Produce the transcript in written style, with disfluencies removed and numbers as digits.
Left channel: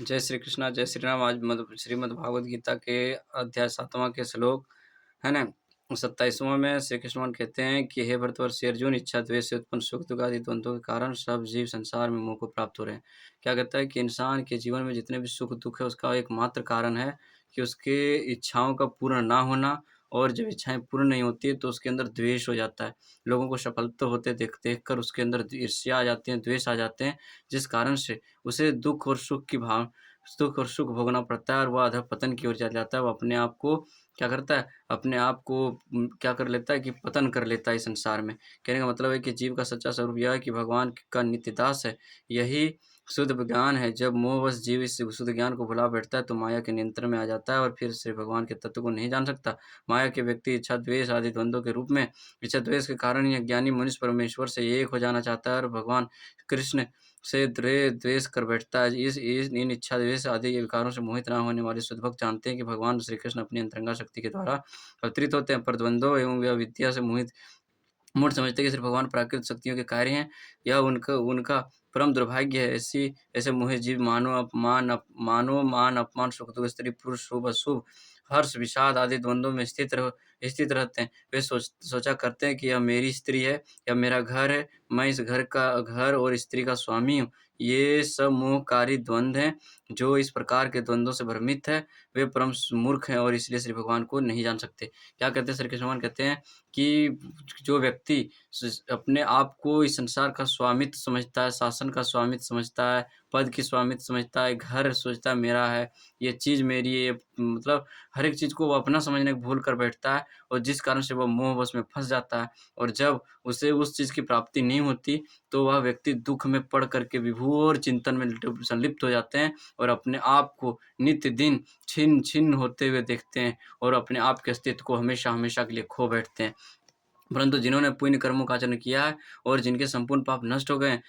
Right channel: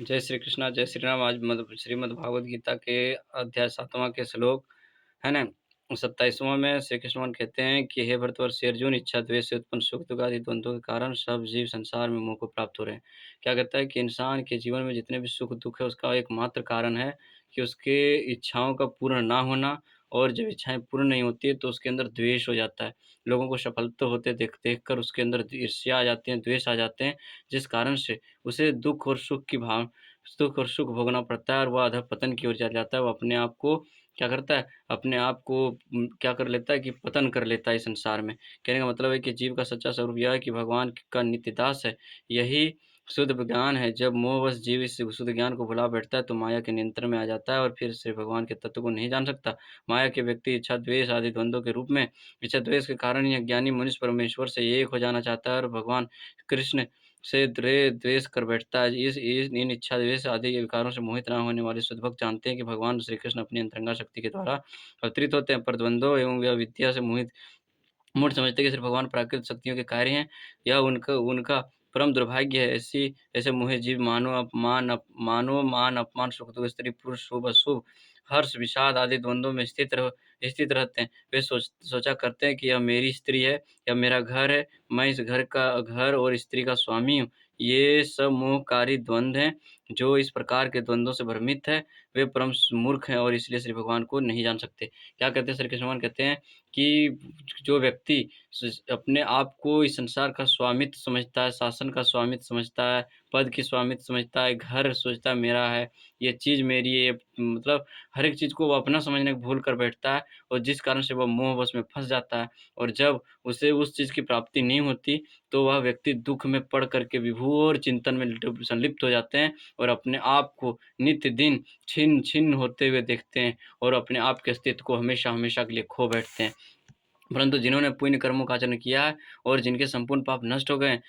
जय श्री कृष्णा, जय श्री राम। आज श्रीमद् भागवत गीता के अध्याय 7वां के श्लोक है ना 27वां में श्री कृष्ण कहते हैं कि हे भरतवर्ष अर्जुन, इच्छा द्वेष से उत्पन्न सुख दुख आदि द्वंद्वों के कारण सब जीव संसार में मोह को प्राप्त हो रहे हैं। क्या कहता है कि इंसान के जीवन में जितने भी सुख दुख है उसका एकमात्र कारण है कि उसके इच्छाओं का पूर्ण ना होना। और जब इच्छाएं पूर्ण नहीं होती है तो उसके अंदर द्वेष हो जाता है। लोगों को सफलता होते देख देख कर उसके अंदर ईर्ष्या आ जाती है, द्वेष आ जाते हैं, जिस कारण से उसे दुःख और सुख भोगना पड़ता है और वह अधःपतन की ओर चला जाता है। वो अपने आप को क्या करता है, अपने आप को क्या कर लेता है कि पतन कर लेता है इस संसार में। कहने का मतलब है कि जीव का सच्चा स्वरूप यह है कि भगवान का नित्य दास है। यही शुद्ध ज्ञान है। जब मोहवश जीव इस शुद्ध ज्ञान को भुला बैठता है तो माया के नियंत्रण में आ जाता है और फिर श्री भगवान के तत्व को नहीं जान सकता। माया के व्यक्ति इच्छा द्वेष आदि द्वंद्वों के रूप में इच्छा द्वेष के कारण यह ज्ञानी मनुष्य परमेश्वर से एक हो जाना चाहता है और भगवान कृष्ण से द्वेष कर बैठता है। इस इन इच्छा द्वेष आदि विकारों से मोहित ना होने वाले शुद्धभक्त जानते हैं कि भगवान श्री कृष्ण अपनी अंतरंगा शक्ति के द्वारा अवतरित होते हैं, पर द्वंद्वों एवं विद्या से मोहित मूढ़ समझते हैं कि सिर्फ भगवान प्राकृतिक शक्तियों के कार्य हैं। यह उनका उनका परम दुर्भाग्य है। ऐसे मोहे जीव मानो मान अपमान सुख दुख स्त्री पुरुष शुभ अशुभ हर्ष विषाद आदि द्वंद्वों में स्थित रहते हैं। वे सोचा करते हैं कि यह मेरी स्त्री है, यह मेरा घर है, मैं इस घर और स्त्री का स्वामी हूँ। ये सब मोहकारी द्वंद्व हैं। जो इस प्रकार के द्वंद्वों से भ्रमित है वे परम मूर्ख हैं और इसलिए श्री भगवान को नहीं जान सकते। क्या कहते हैं श्री कृष्ण भगवान कहते हैं कि जो व्यक्ति अपने आप को इस संसार का स्वामित्व समझता है, शासन का स्वामित्व समझता है, पद की स्वामित्व समझता है, घर सोचता है मेरा है, ये चीज़ मेरी है, ये मतलब हर एक चीज़ को वो अपना समझने को भूल कर बैठता है और जिस कारण से वह मोहवश में फँस जाता है। और जब उसे उस चीज़ की प्राप्ति नहीं होती तो वह व्यक्ति दुःख में पड़ कर के विभोर चिंतन में संलिप्त हो जाते हैं और अपने आप को नित्य दिन छिन्न-छिन्न होते हुए देखते हैं और अपने आप के अस्तित्व को हमेशा-हमेशा के लिए खो बैठते हैं। परंतु जिन्होंने पुण्य कर्मों का आचरण किया है और जिनके संपूर्ण पाप नष्ट हो गए